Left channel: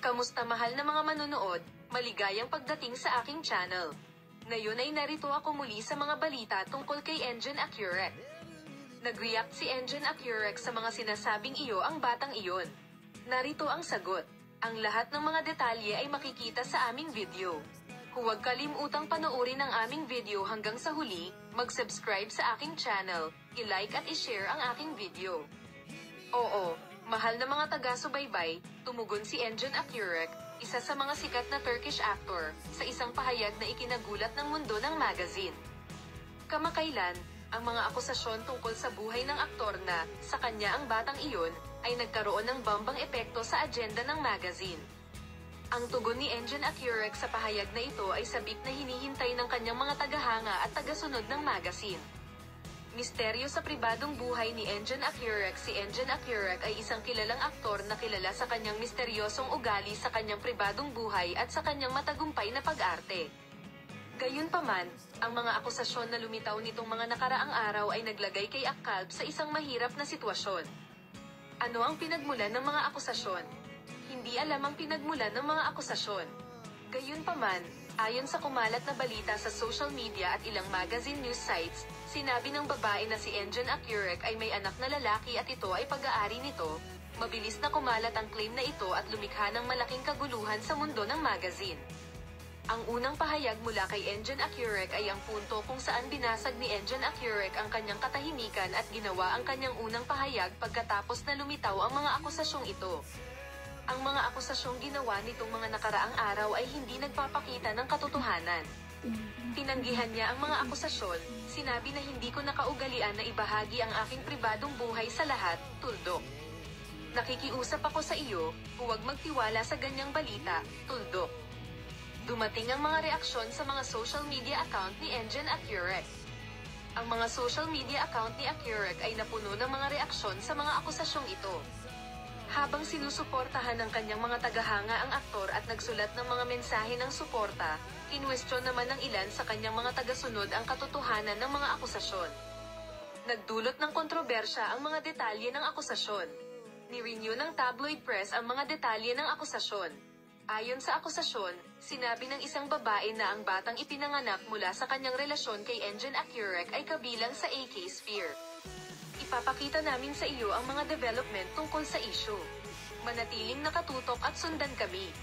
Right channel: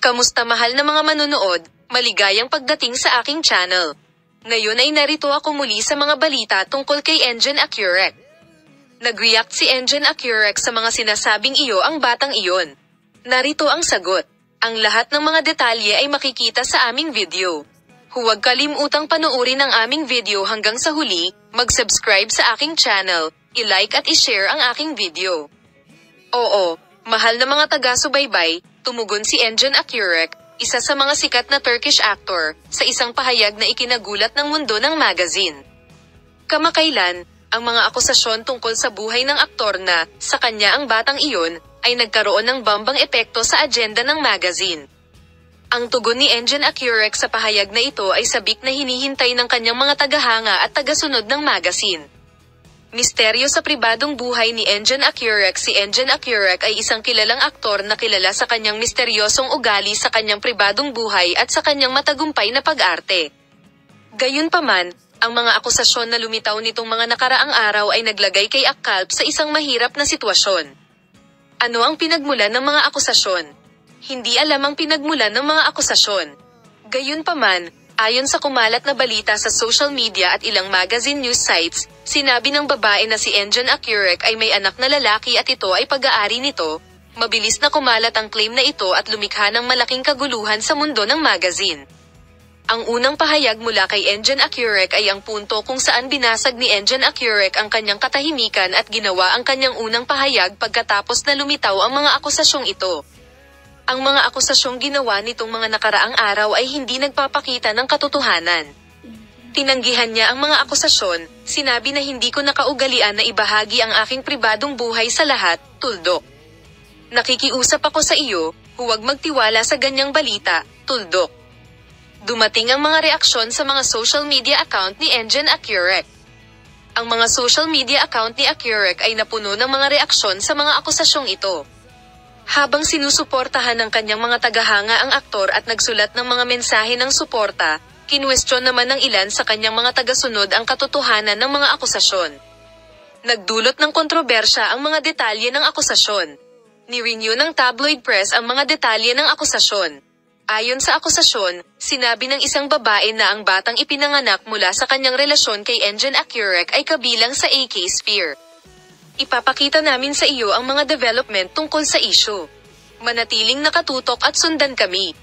Kamusta mahal na mga manonood, maligayang pagdating sa aking channel. Ngayon ay narito ako muli sa mga balita tungkol kay Engen Akyurek. Nag-react si Engen Akyurek sa mga sinasabing iyo ang batang iyon. Narito ang sagot. Ang lahat ng mga detalye ay makikita sa aming video. Huwag kalimutang panoorin ang aming video hanggang sa huli, mag-subscribe sa aking channel, i-like at i-share ang aking video. Oo, mahal na mga taga-subaybay, tumugon si Engen Akyurek, isa sa mga sikat na Turkish actor, sa isang pahayag na ikinagulat ng mundo ng magazine. Kamakailan, ang mga akusasyon tungkol sa buhay ng aktor na, sa kanya ang batang iyon, ay nagkaroon ng bambang epekto sa agenda ng magazine. Ang tugon ni Engen Akyurek sa pahayag na ito ay sabik na hinihintay ng kanyang mga tagahanga at tagasunod ng magazine. Misteryo sa pribadong buhay ni Engen Akyurek. Si Engen Akyurek ay isang kilalang aktor na kilala sa kanyang misteryosong ugali sa kanyang pribadong buhay at sa kanyang matagumpay na pag-arte. Gayunpaman, ang mga akusasyon na lumitaw nitong mga nakaraang araw ay naglagay kay Akkalp sa isang mahirap na sitwasyon. Ano ang pinagmulan ng mga akusasyon? Hindi alam ang pinagmulan ng mga akusasyon. Gayunpaman, ayon sa kumalat na balita sa social media at ilang magazine news sites, sinabi ng babae na si Engen Akyurek ay may anak na lalaki at ito ay pag-aari nito. Mabilis na kumalat ang claim na ito at lumikha ng malaking kaguluhan sa mundo ng magazine. Ang unang pahayag mula kay Engen Akyurek ay ang punto kung saan binasag ni Engen Akyurek ang kanyang katahimikan at ginawa ang kanyang unang pahayag pagkatapos na lumitaw ang mga akusasyong ito. Ang mga akusasyong ginawa nitong mga nakaraang araw ay hindi nagpapakita ng katotohanan. Tinanggihan niya ang mga akusasyon, sinabi na hindi ko nakaugalian na ibahagi ang aking pribadong buhay sa lahat, tuldok. Nakikiusap ako sa iyo, huwag magtiwala sa ganyang balita, tuldok. Dumating ang mga reaksyon sa mga social media account ni Engen Akyurek. Ang mga social media account ni Akyurek ay napuno ng mga reaksyon sa mga akusasyong ito. Habang sinusuportahan ng kanyang mga tagahanga ang aktor at nagsulat ng mga mensahe ng suporta, kinwestiyon naman ng ilan sa kanyang mga tagasunod ang katotohanan ng mga akusasyon. Nagdulot ng kontrobersya ang mga detalye ng akusasyon. Ni-renew ng tabloid press ang mga detalye ng akusasyon. Ayon sa akusasyon, sinabi ng isang babae na ang batang ipinanganak mula sa kanyang relasyon kay Engen Akyurek ay kabilang sa AK Sphere. Ipapakita namin sa iyo ang mga development tungkol sa issue. Manatiling nakatutok at sundan kami.